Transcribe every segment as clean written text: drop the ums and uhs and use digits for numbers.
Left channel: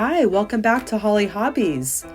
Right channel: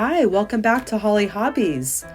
Hi, welcome back to Hollie Hobbies.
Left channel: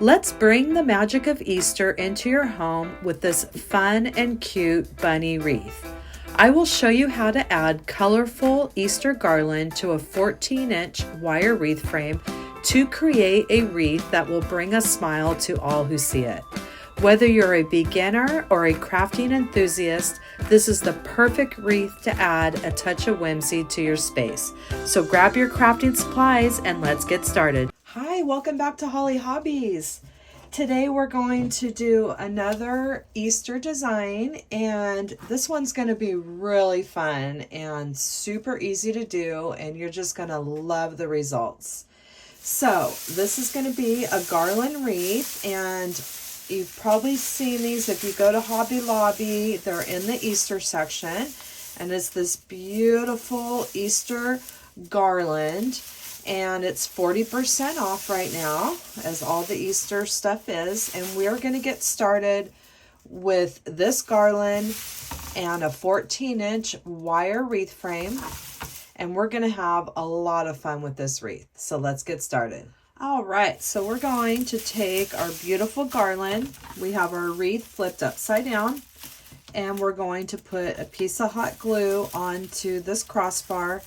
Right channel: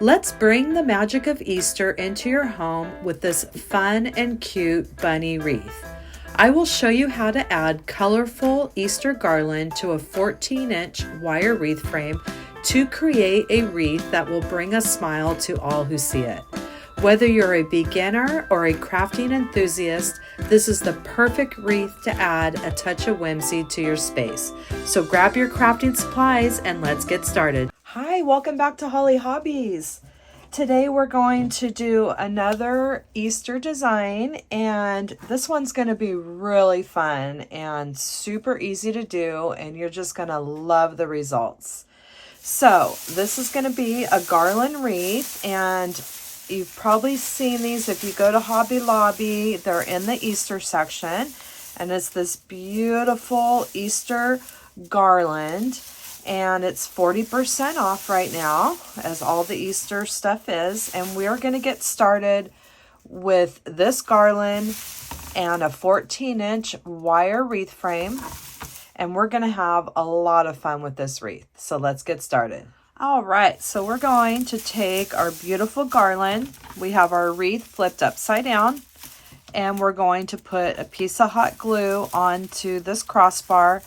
Let's bring the magic of Easter into your home with this fun and cute bunny wreath. I will show you how to add colorful Easter garland to a 14-inch wire wreath frame to create a wreath that will bring a smile to all who see it. Whether you're a beginner or a crafting enthusiast, this is the perfect wreath to add a touch of whimsy to your space. So grab your crafting supplies and let's get started. Hi, welcome back to Hollie Hobbies. Today we're going to do another Easter design, and this one's going to be really fun and super easy to do, and you're just going to love the results. So this is going to be a garland wreath, and you've probably seen these if you go to Hobby Lobby. They're in the Easter section, and it's this beautiful Easter garland, and it's 40% off right now, as all the Easter stuff is. And we're going to get started with this garland and a 14-inch wire wreath frame, and we're going to have a lot of fun with this wreath. So let's get started. All right, so we're going to take our beautiful garland. We have our wreath flipped upside down, and we're going to put a piece of hot glue onto this crossbar,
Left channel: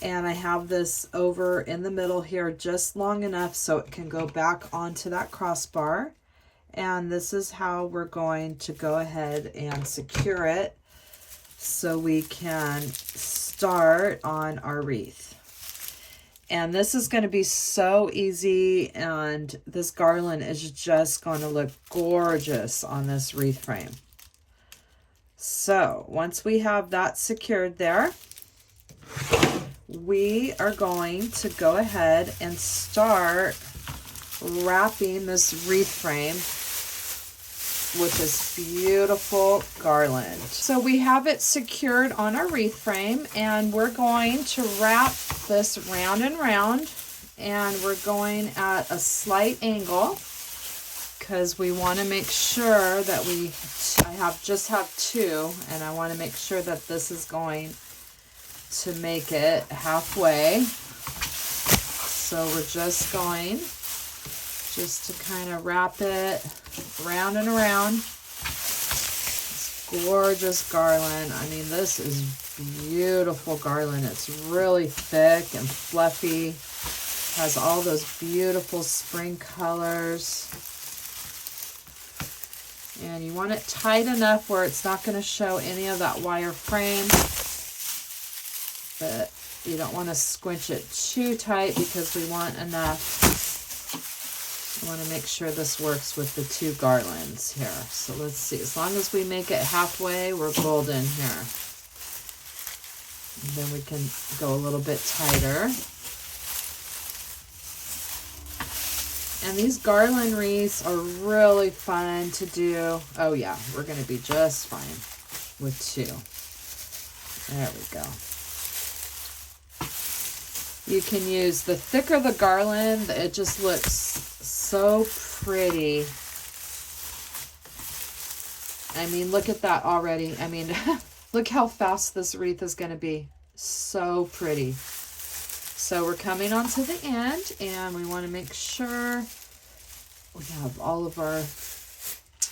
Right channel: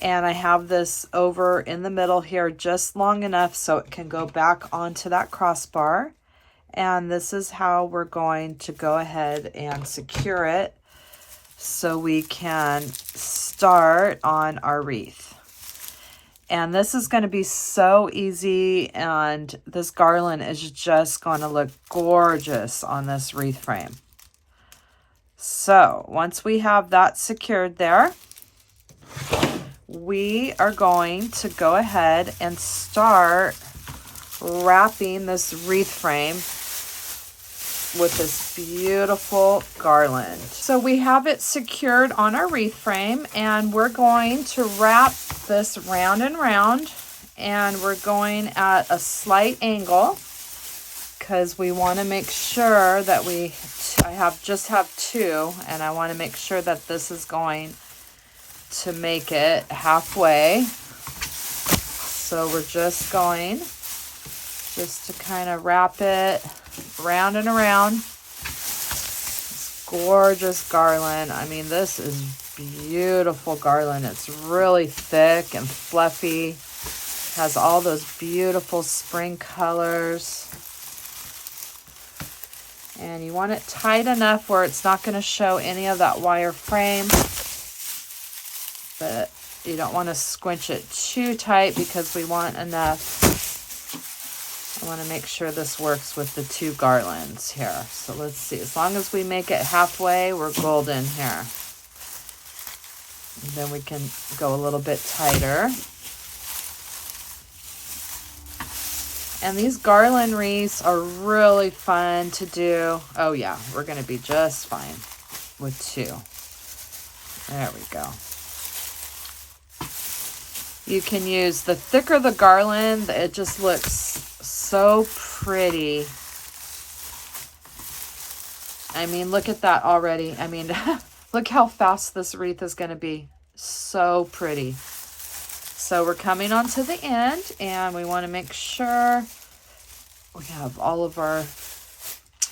and I have this over in the middle here just long enough so it can go back onto that crossbar. And this is how we're going to go ahead and secure it so we can start on our wreath. And this is going to be so easy, and this garland is just going to look gorgeous on this wreath frame. So once we have that secured there, we are going to go ahead and start wrapping this wreath frame with this beautiful garland. So we have it secured on our wreath frame, and we're going to wrap this round and round, and we're going at a slight angle because we want to make sure that I just have two, and I want to make sure that this is going to make it halfway. So we're just going to kind of wrap it round and around. This gorgeous garland. I mean, this is beautiful garland. It's really thick and fluffy. Has all those beautiful spring colors. And you want it tight enough where it's not going to show any of that wire frame. But you don't want to squinch it too tight because we want enough. I want to make sure this works with the two garlands here. So let's see. As long as we make it halfway, we're golden here. And then we can go a little bit tighter. And these garland wreaths are really fun to do. Oh yeah, we're going to be just fine with two. There we go. You can use the thicker the garland, it just looks so pretty. I mean, look at that already. I mean, look how fast this wreath is going to be. So pretty. So we're coming on to the end, and we want to make sure we have all of our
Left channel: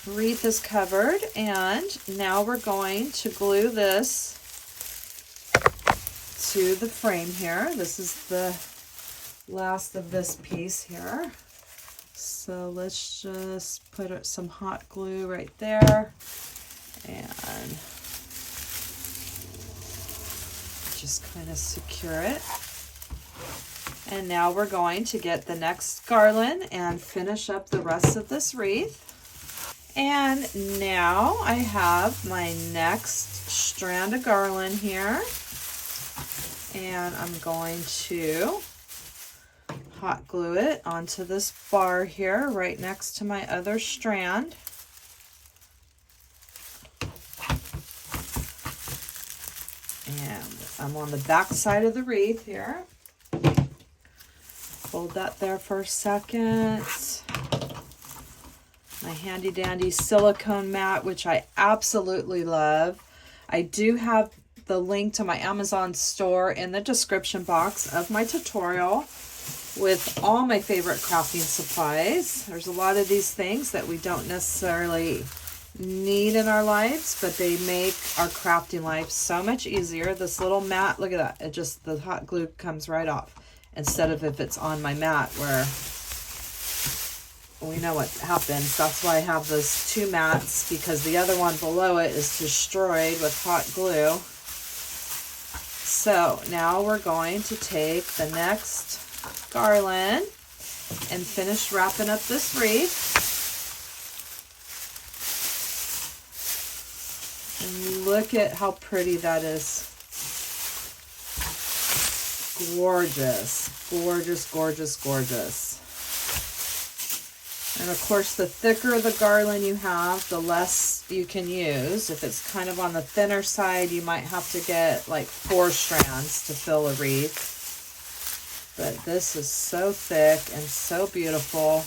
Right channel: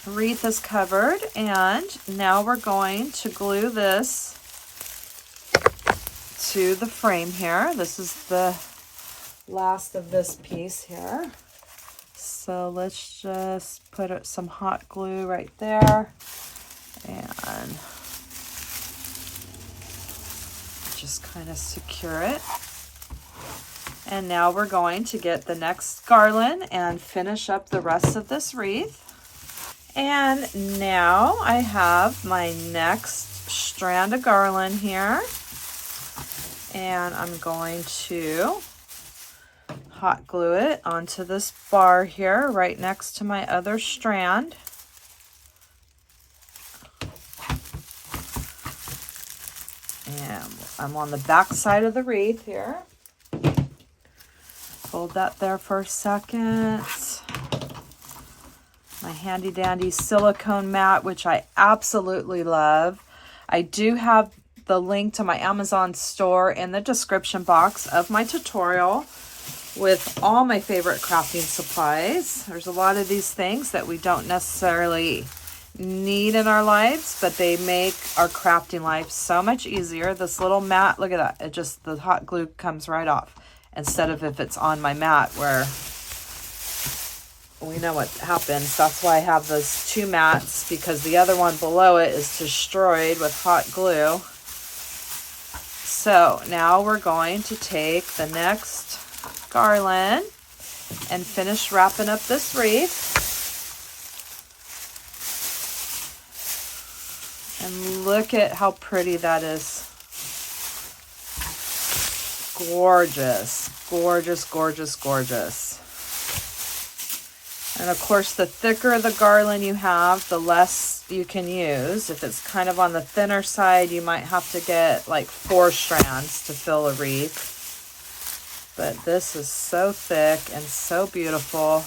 wreath is covered. And now we're going to glue this to the frame here. This is the last of this piece here. So let's just put some hot glue right there and just kind of secure it. And now we're going to get the next garland and finish up the rest of this wreath. And now I have my next strand of garland here. And I'm going to hot glue it onto this bar here right next to my other strand. And I'm on the back side of the wreath here. Hold that there for a second. My handy dandy silicone mat, which I absolutely love. I do have the link to my Amazon store in the description box of my tutorial. with all my favorite crafting supplies. There's a lot of these things that we don't necessarily need in our lives, but they make our crafting life so much easier. This little mat, look at that. It just, the hot glue comes right off, instead of if it's on my mat where we know what happens. That's why I have those two mats, because the other one below it is destroyed with hot glue. So now we're going to take the next garland and finish wrapping up this wreath. And look at how pretty that is. Gorgeous, gorgeous, gorgeous, gorgeous. And of course, the thicker the garland you have, the less you can use. If it's kind of on the thinner side, you might have to get like 4 strands to fill a wreath. But this is so thick and so beautiful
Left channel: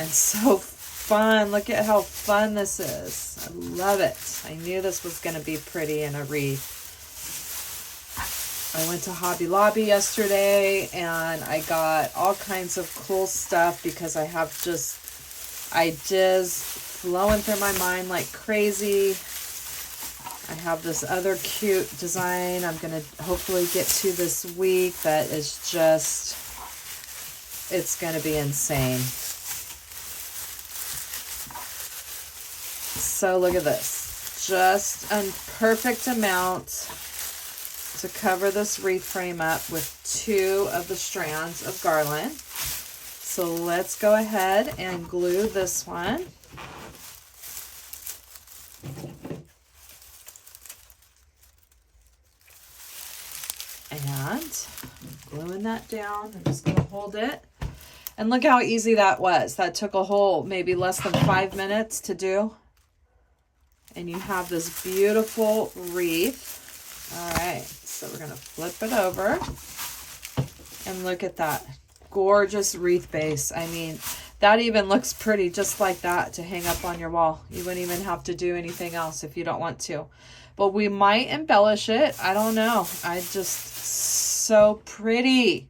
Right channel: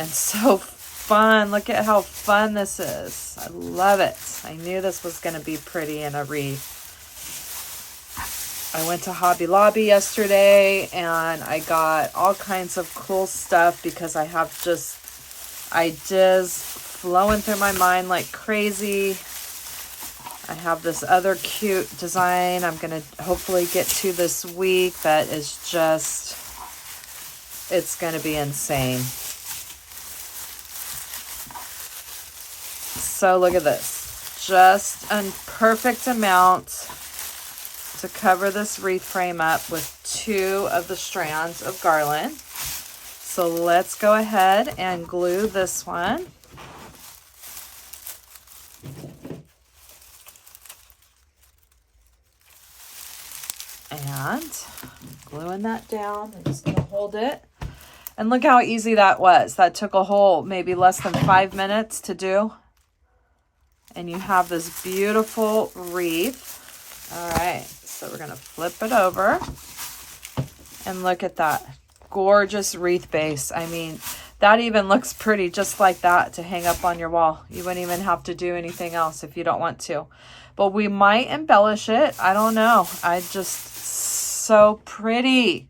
and so fun. Look at how fun this is. I love it. I knew this was going to be pretty in a wreath. I went to Hobby Lobby yesterday and I got all kinds of cool stuff because I have just ideas flowing through my mind like crazy. I have this other cute design I'm going to hopefully get to this week that is just, it's going to be insane. So look at this. Just a perfect amount to cover this wreath frame up with 2 of the strands of garland. So let's go ahead and glue this one. And gluing that down. I'm just gonna hold it. And look how easy that was. That took a whole maybe less than 5 minutes to do. And you have this beautiful wreath. All right, so we're gonna flip it over and look at that gorgeous wreath base. I mean, that even looks pretty just like that to hang up on your wall. You wouldn't even have to do anything else if you don't want to, but we might embellish it. I don't know. I just, so pretty.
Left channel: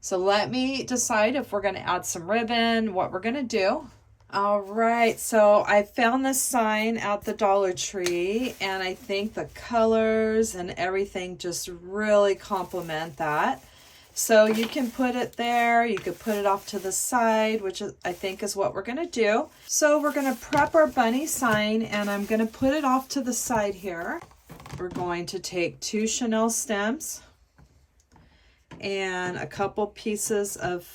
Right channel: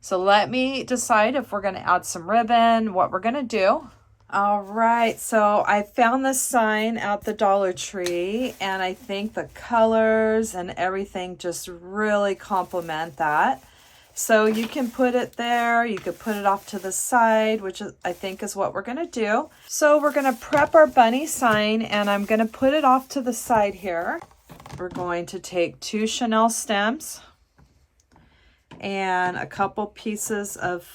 So let me decide if we're gonna add some ribbon, what we're gonna do. All right, so I found this sign at the Dollar Tree, and I think the colors and everything just really complement that. So you can put it there, you could put it off to the side, which is, I think is what we're gonna do. So we're gonna prep our bunny sign, and I'm gonna put it off to the side here. We're going to take 2 chenille stems and a couple pieces of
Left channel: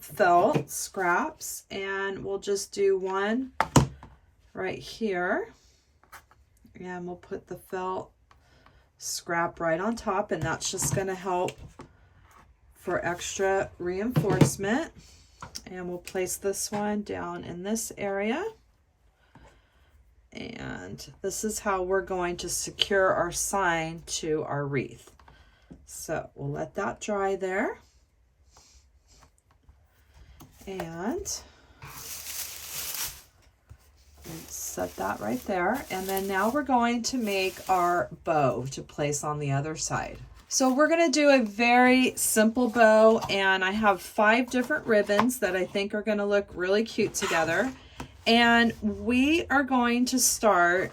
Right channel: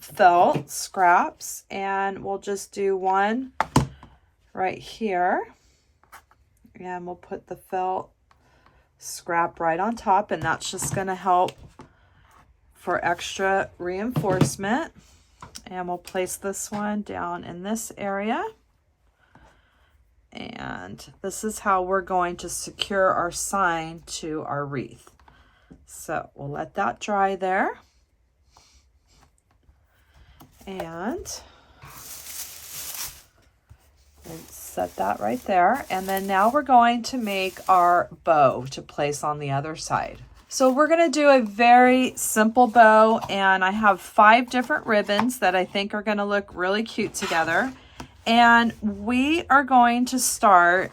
felt scraps, and we'll just do one right here, and we'll put the felt scrap right on top, and that's just going to help for extra reinforcement. And we'll place this one down in this area, and this is how we're going to secure our sign to our wreath. So we'll let that dry there. And set that right there. And then now we're going to make our bow to place on the other side. So we're going to do a very simple bow, and I have 5 different ribbons that I think are going to look really cute together. And we are going to start,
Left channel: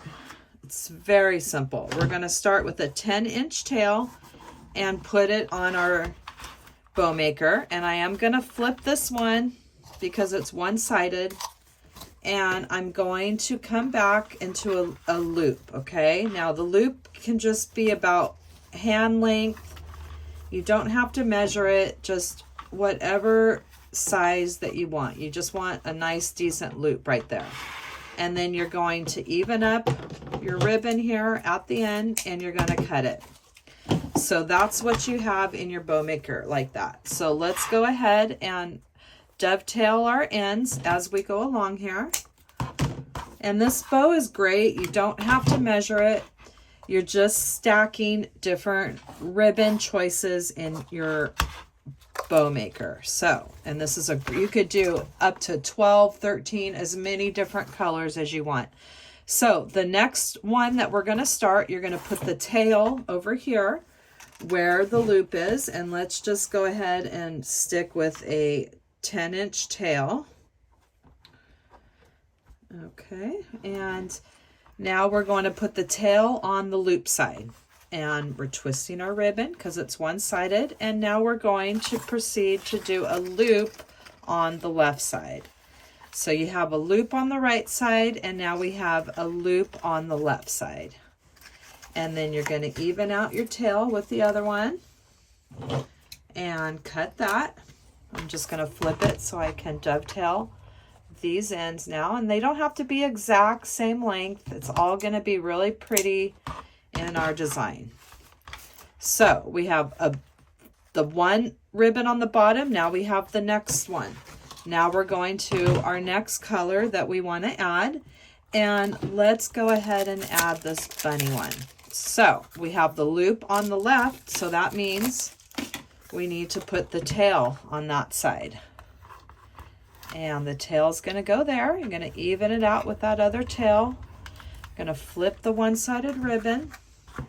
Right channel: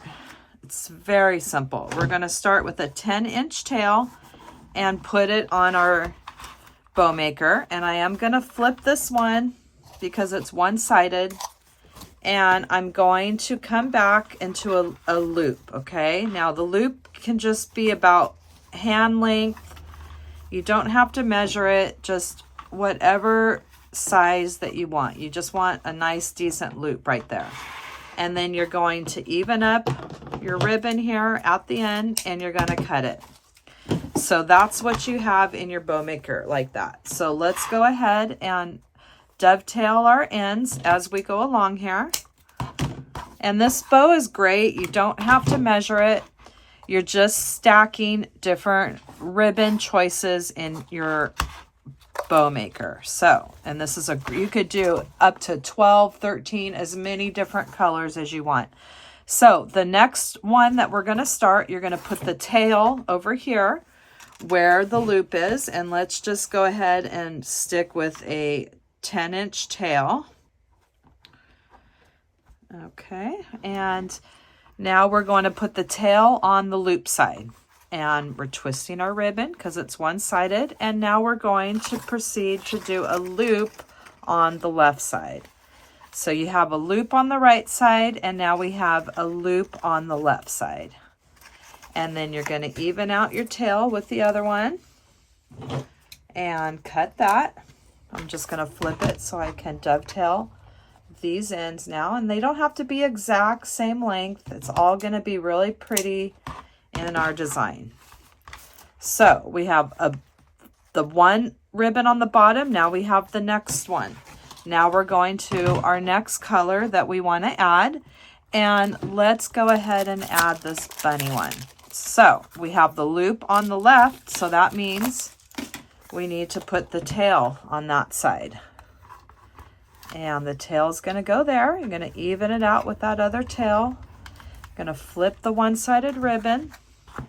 it's very simple. We're going to start with a 10-inch tail and put it on our bow maker. And I am going to flip this one because it's one-sided, and I'm going to come back into a loop. Okay, now the loop can just be about hand length. You don't have to measure it, just whatever size that you want. You just want a nice decent loop right there. And then you're going to even up your ribbon here at the end, and you're going to cut it. So that's what you have in your bow maker, like that. So let's go ahead and dovetail our ends as we go along here. And this bow is great. You don't have to measure it. You're just stacking different ribbon choices in your bow maker. So, and this is you could do up to 12, 13, as many different colors as you want. So the next one that we're going to start, you're going to put the tail over here. where the loop is, and let's just go ahead and stick with a 10-inch tail. Okay, and now we're going to put the tail on the loop side, and we're twisting our ribbon because it's one-sided, and now we're going to proceed to do a loop on the left side. So you have a loop on the right side, and now we have a loop on the left side. And then you're going to even out your tail with the other one and cut that. I'm just going to flip it so I can dovetail these ends now, and they don't have to be exact same length. It's all going to be really pretty in our design. So we have the one ribbon on the bottom. Now we have the next one. Now we're going to our next color that we want to add, and let's go ahead and add this bunny one. So we have the loop on the left, so that means we need to put the tail on that side. And the tail is going to go there. I'm going to even it out with that other tail. I'm going to flip the one-sided ribbon,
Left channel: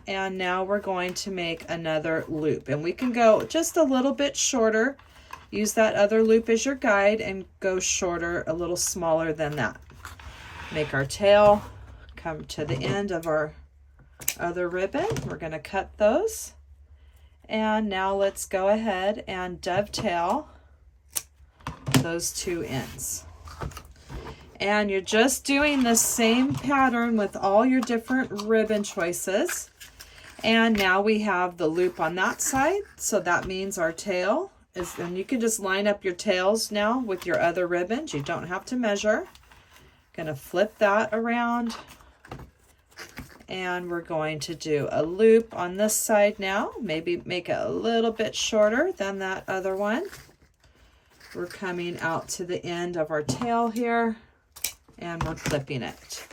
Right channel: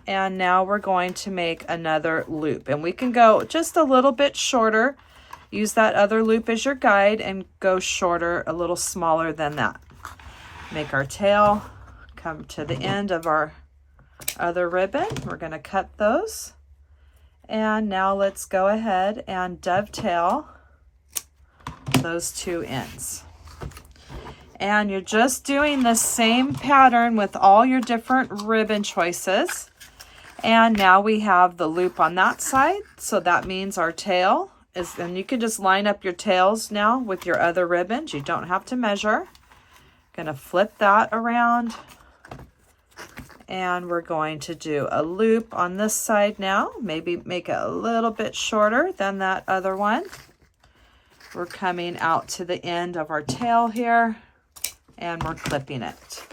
and now we're going to make another loop. And we can go just a little bit shorter. Use that other loop as your guide and go shorter, a little smaller than that. Make our tail come to the end of our other ribbon. We're going to cut those. And now let's go ahead and dovetail those two ends. And you're just doing the same pattern with all your different ribbon choices. And now we have the loop on that side, so that means our tail is, and you can just line up your tails now with your other ribbons. You don't have to measure. Gonna flip that around, and we're going to do a loop on this side now. Maybe make it a little bit shorter than that other one. We're coming out to the end of our tail here, and we're clipping it.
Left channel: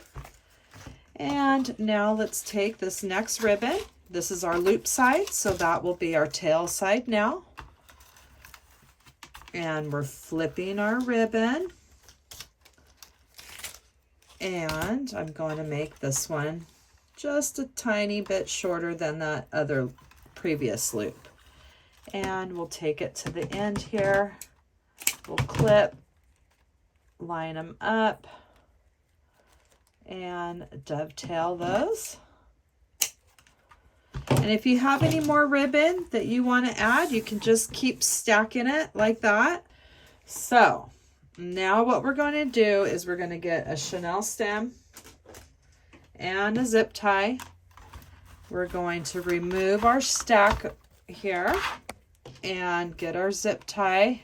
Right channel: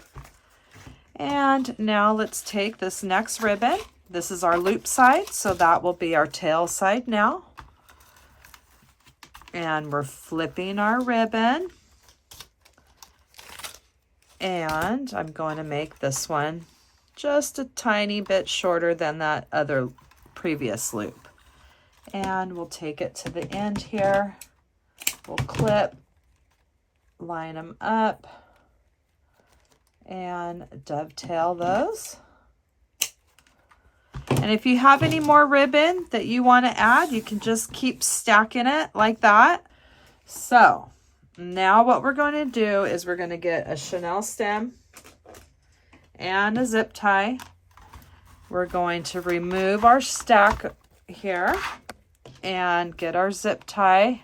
And now let's take this next ribbon. This is our loop side, so that will be our tail side now. And we're flipping our ribbon. And I'm going to make this one just a tiny bit shorter than that other previous loop. And we'll take it to the end here. We'll clip, line them up, and dovetail those. And if you have any more ribbon that you want to add, you can just keep stacking it like that. So now what we're going to do is we're going to get a chenille stem and a zip tie. We're going to remove our stack here and get our zip tie.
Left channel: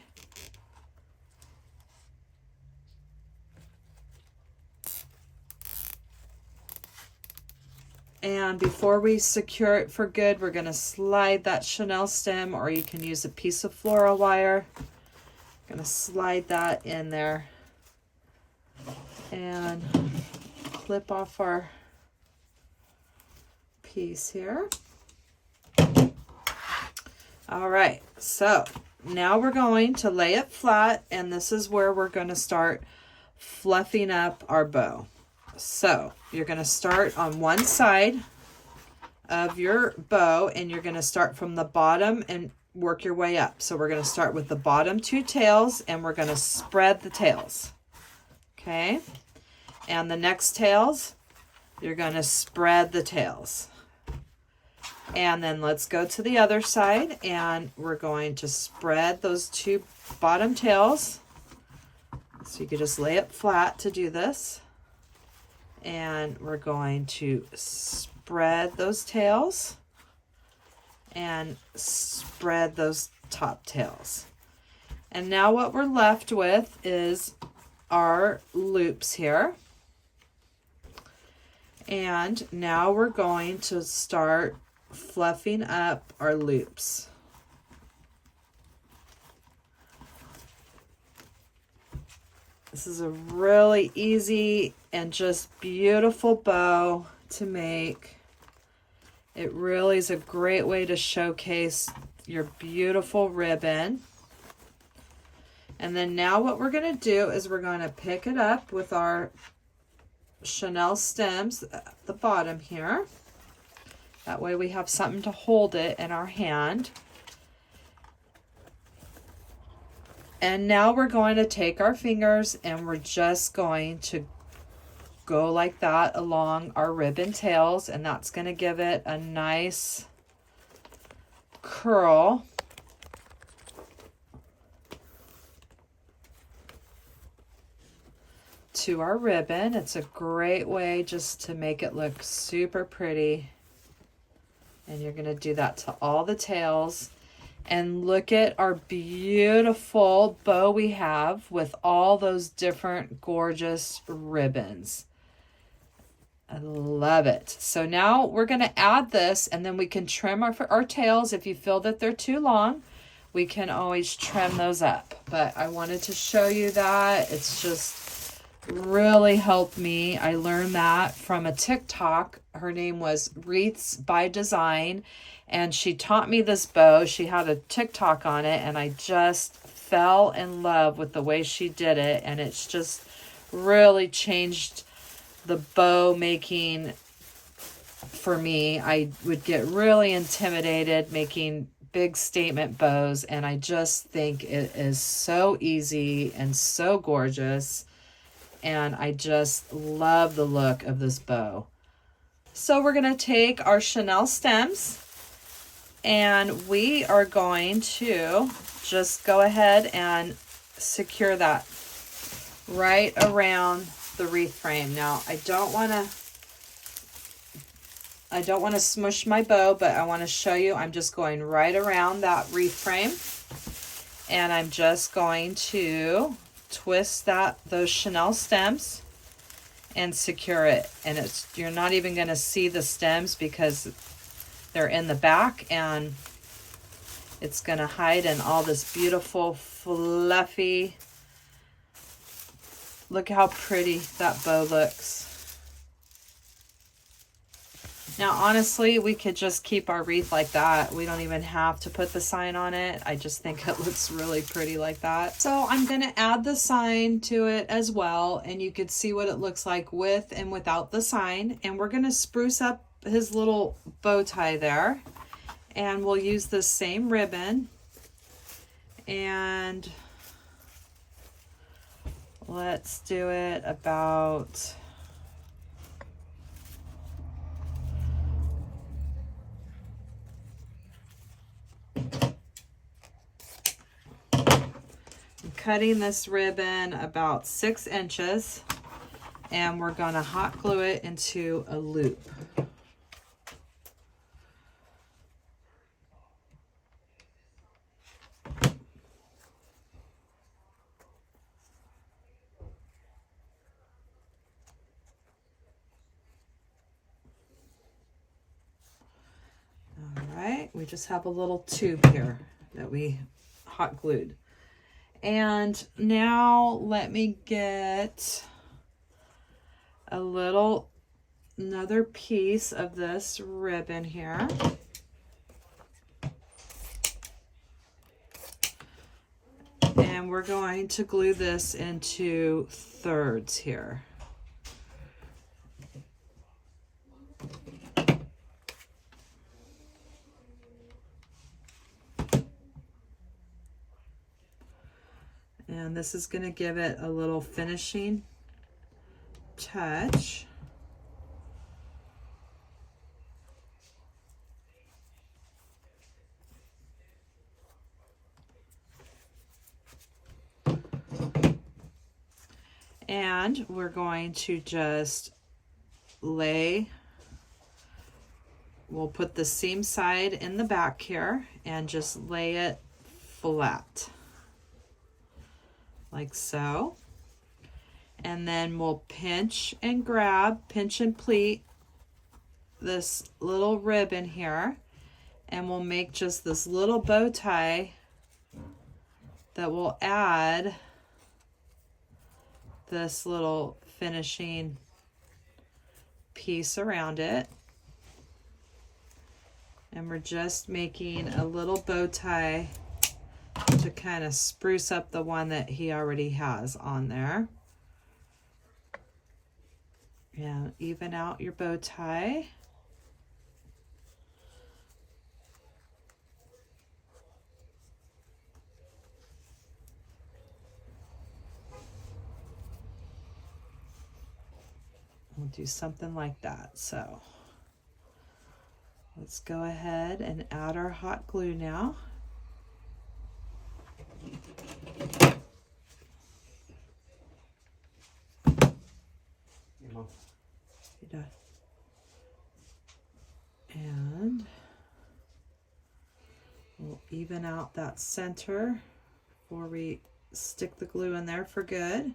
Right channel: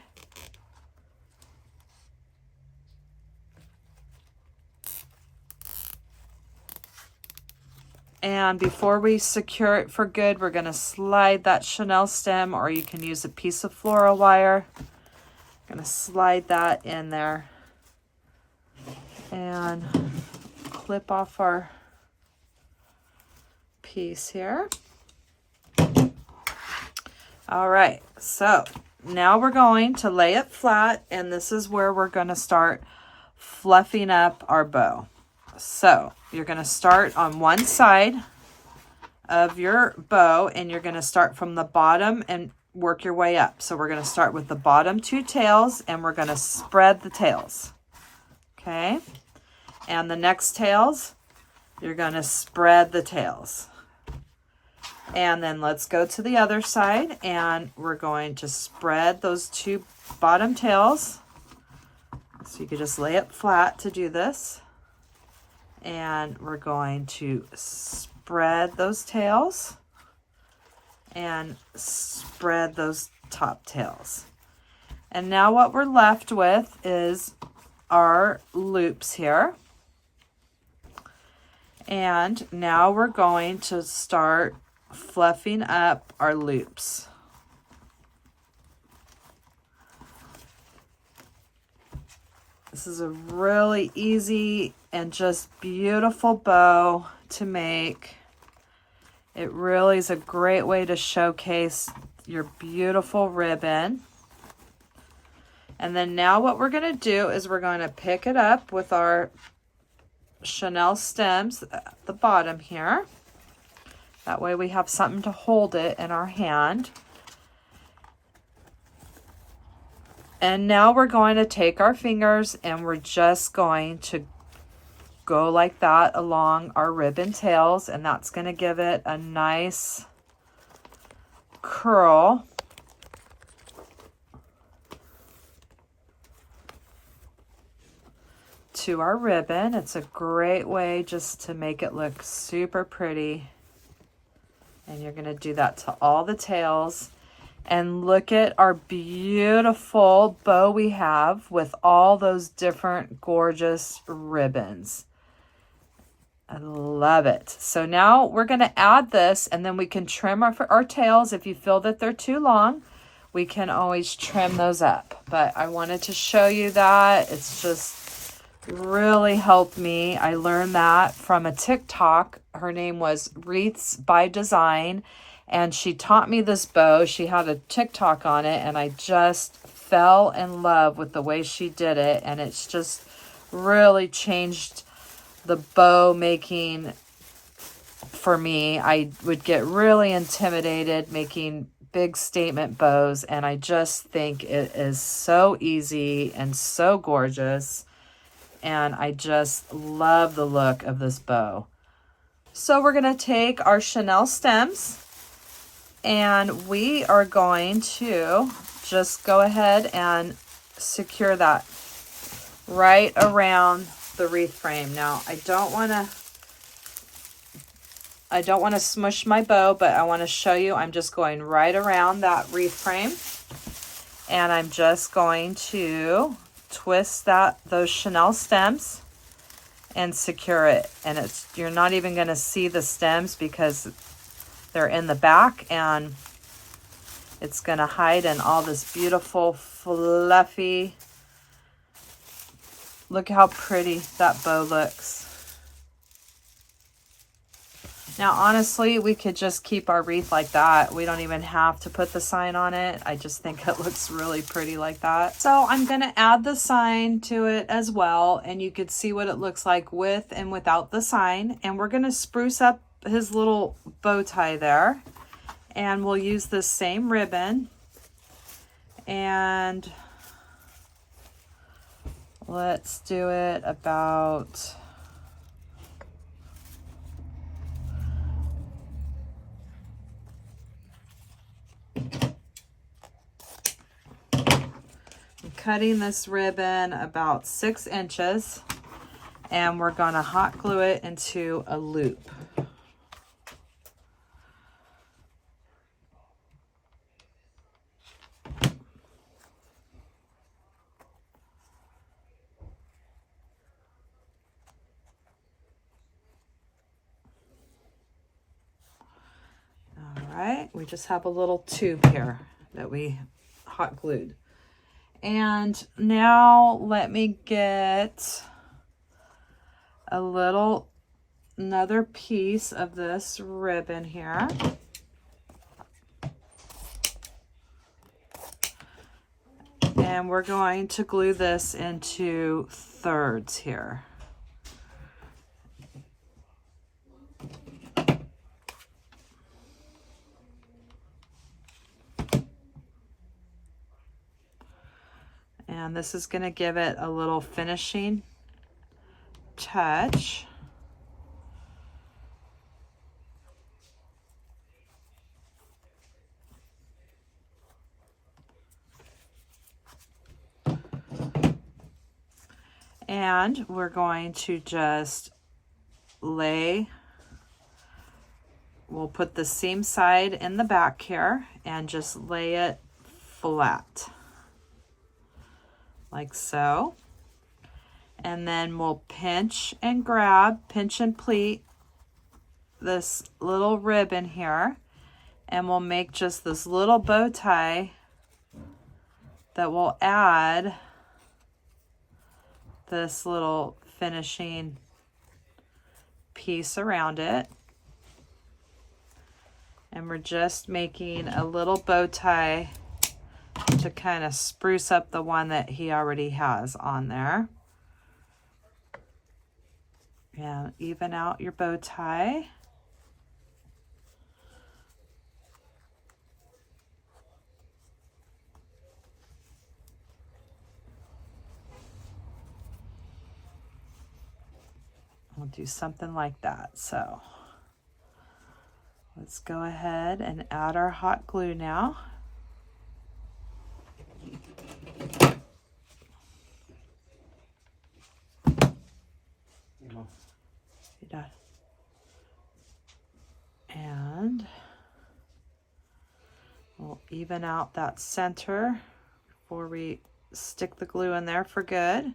And before we secure it for good, we're going to slide that chenille stem, or you can use a piece of floral wire. I'm going to slide that in there and clip off our piece here. All right, so now we're going to lay it flat, and this is where we're going to start fluffing up our bow. So you're going to start on one side of your bow, and you're going to start from the bottom and work your way up. So we're going to start with the bottom two tails, and we're going to spread the tails. Okay. And the next tails, you're going to spread the tails. And then let's go to the other side, and we're going to spread those two bottom tails. So you can just lay it flat to do this. And we're going to spread those tails and spread those top tails. And now what we're left with is our loops here. And now we're going to start fluffing up our loops. This is a really easy and just beautiful bow to make. It really is a great way to showcase your beautiful ribbon. And then now what we're going to do is we're going to pick it up with our chenille stems at the bottom here. That way we have something to hold it in our hand. And now we're going to take our fingers and we're just going to go like that along our ribbon tails, and that's going to give it a nice curl. To our ribbon. It's a great way just to make it look super pretty. And you're going to do that to all the tails. And look at our beautiful bow we have with all those different gorgeous ribbons. I love it. So now we're going to add this, and then we can trim our tails. If you feel that they're too long, we can always trim those up. But I wanted to show you that. It's just really helped me. I learned that from a TikTok. Her name was Wreaths by Design, and she taught me this bow. She had a TikTok on it, and I just fell in love with the way she did it, and it's just really changed the bow making for me. I would get really intimidated making big statement bows, and I just think it is so easy and so gorgeous, and I just love the look of this bow. So we're going to take our chenille stems, and we are going to just go ahead and secure that right around the wreath frame. Now, I don't want to smush my bow, but I want to show you I'm just going right around that wreath frame, and I'm just going to twist those chenille stems and secure it. And you're not even going to see the stems because they're in the back, and it's going to hide in all this beautiful fluffy. Look how pretty that bow looks. Now, honestly, we could just keep our wreath like that. We don't even have to put the sign on it. I just think it looks really pretty like that. So I'm going to add the sign to it as well, and you could see what it looks like with and without the sign. And we're going to spruce up his little bow tie there, and we'll use the same ribbon, and let's do it about cutting this ribbon about 6 inches, and we're going to hot glue it into a loop. We just have a little tube here that we hot glued. And now let me get another piece of this ribbon here. And we're going to glue this into thirds here. And this is going to give it a little finishing touch. And we're going to just we'll put the seam side in the back here and just lay it flat. Like so. And then we'll pinch and pleat this little ribbon here, and we'll make just this little bow tie that will add this little finishing piece around it. And we're just making a little bow tie to kind of spruce up the one that he already has on there. And even out your bow tie. do something like that. So let's go ahead and add our hot glue now. And we'll even out that center before we stick the glue in there for good.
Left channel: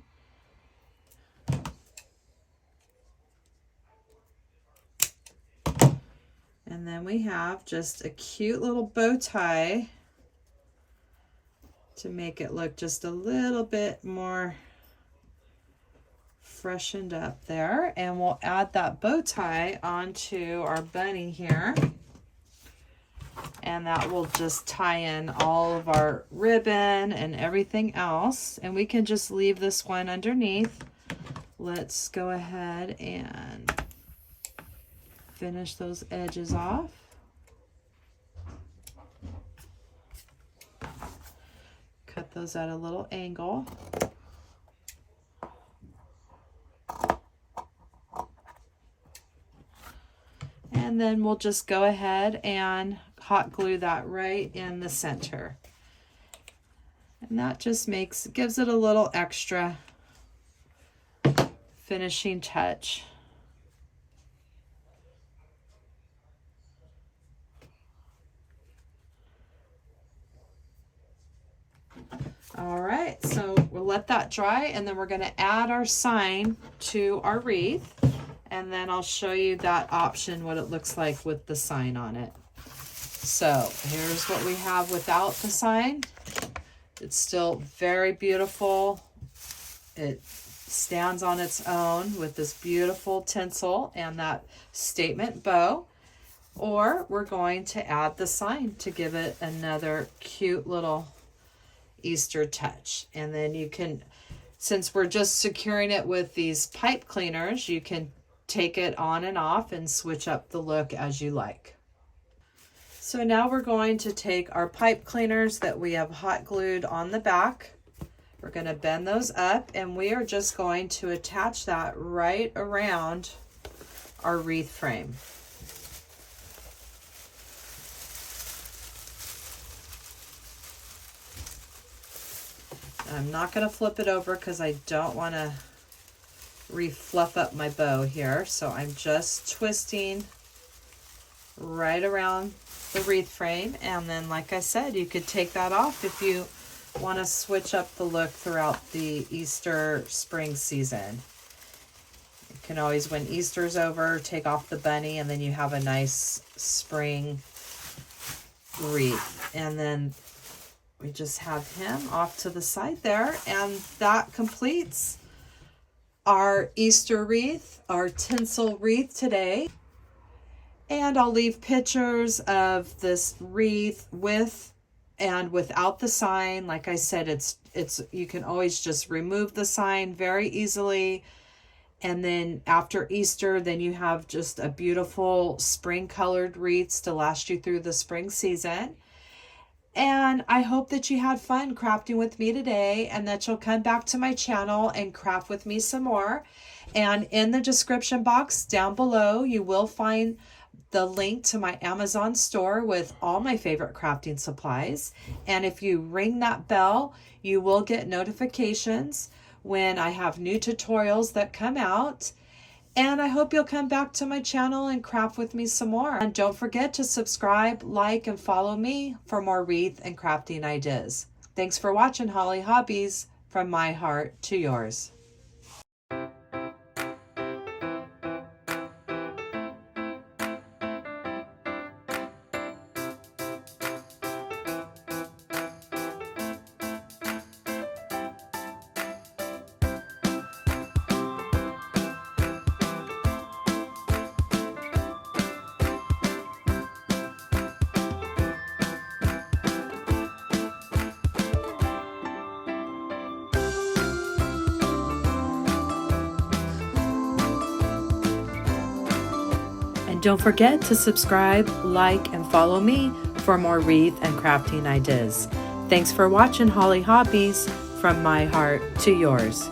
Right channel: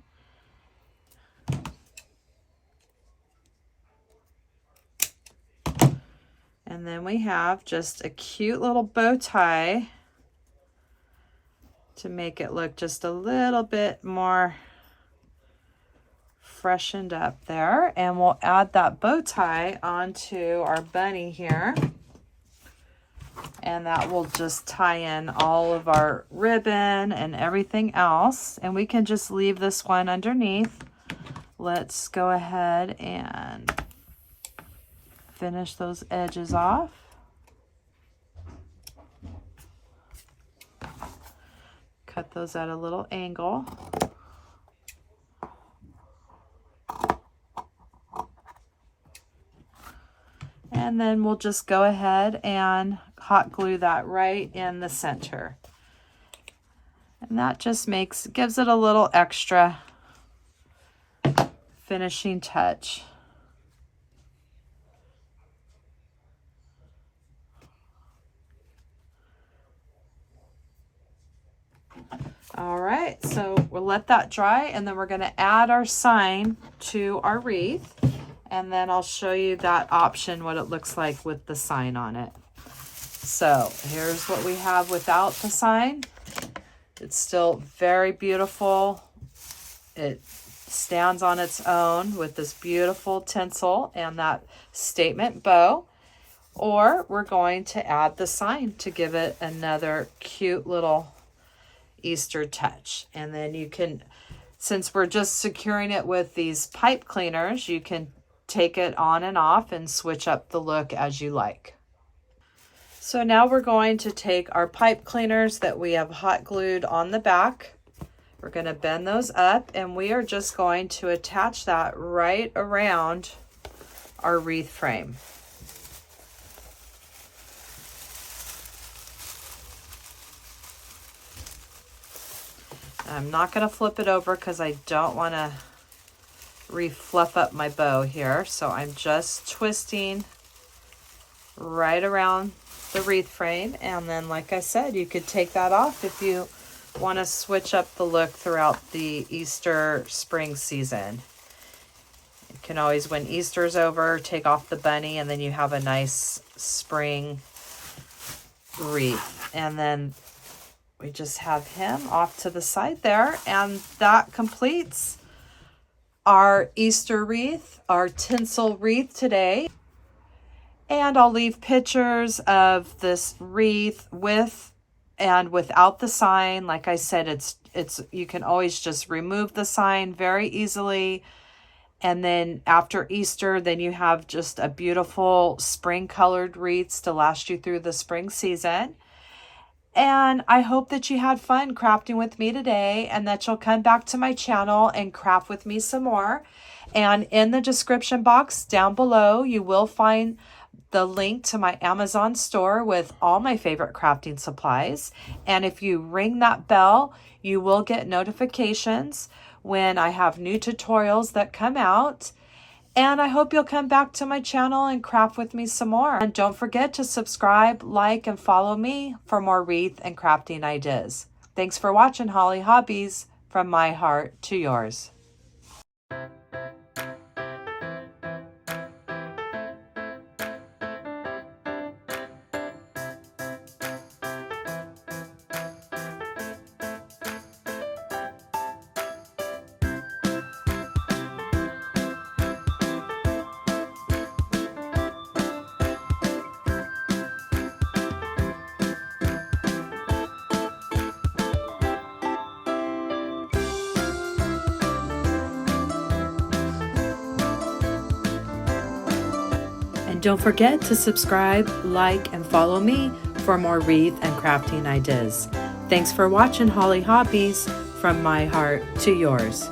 And then we have just a cute little bow tie to make it look just a little bit more freshened up there. And we'll add that bow tie onto our bunny here. And that will just tie in all of our ribbon and everything else. And we can just leave this one underneath. Let's go ahead and finish those edges off. Cut those at a little angle. And then we'll just go ahead and hot glue that right in the center. And that just gives it a little extra finishing touch. All right, so we'll let that dry, and then we're going to add our sign to our wreath, and then I'll show you that option, what it looks like with the sign on it. So here's what we have without the sign. It's still very beautiful. It stands on its own with this beautiful tinsel and that statement bow. Or we're going to add the sign to give it another cute little Easter touch. And then you can, since we're just securing it with these pipe cleaners, you can take it on and off and switch up the look as you like. So now we're going to take our pipe cleaners that we have hot glued on the back. We're going to bend those up, and we are just going to attach that right around our wreath frame. I'm not going to flip it over because I don't want to refluff up my bow here. So I'm just twisting right around the wreath frame. And then, like I said, you could take that off if you want to switch up the look throughout the Easter spring season. You can always, when Easter's over, take off the bunny, and then you have a nice spring wreath. And then we just have him off to the side there, and that completes our Easter wreath, our tinsel wreath today. And I'll leave pictures of this wreath with and without the sign. Like I said, it's you can always just remove the sign very easily. And then after Easter, then you have just a beautiful spring colored wreaths to last you through the spring season. And I hope that you had fun crafting with me today, and that you'll come back to my channel and craft with me some more. And in the description box down below, you will find the link to my Amazon store with all my favorite crafting supplies. And if you ring that bell, you will get notifications when I have new tutorials that come out. And I hope you'll come back to my channel and craft with me some more. And don't forget to subscribe, like, and follow me for more wreath and crafting ideas. Thanks for watching Hollie Hobbies, from my heart to yours. And don't forget to subscribe, like, and follow me for more wreath and crafting ideas. Thanks for watching Hollie Hobbies, from my heart to yours.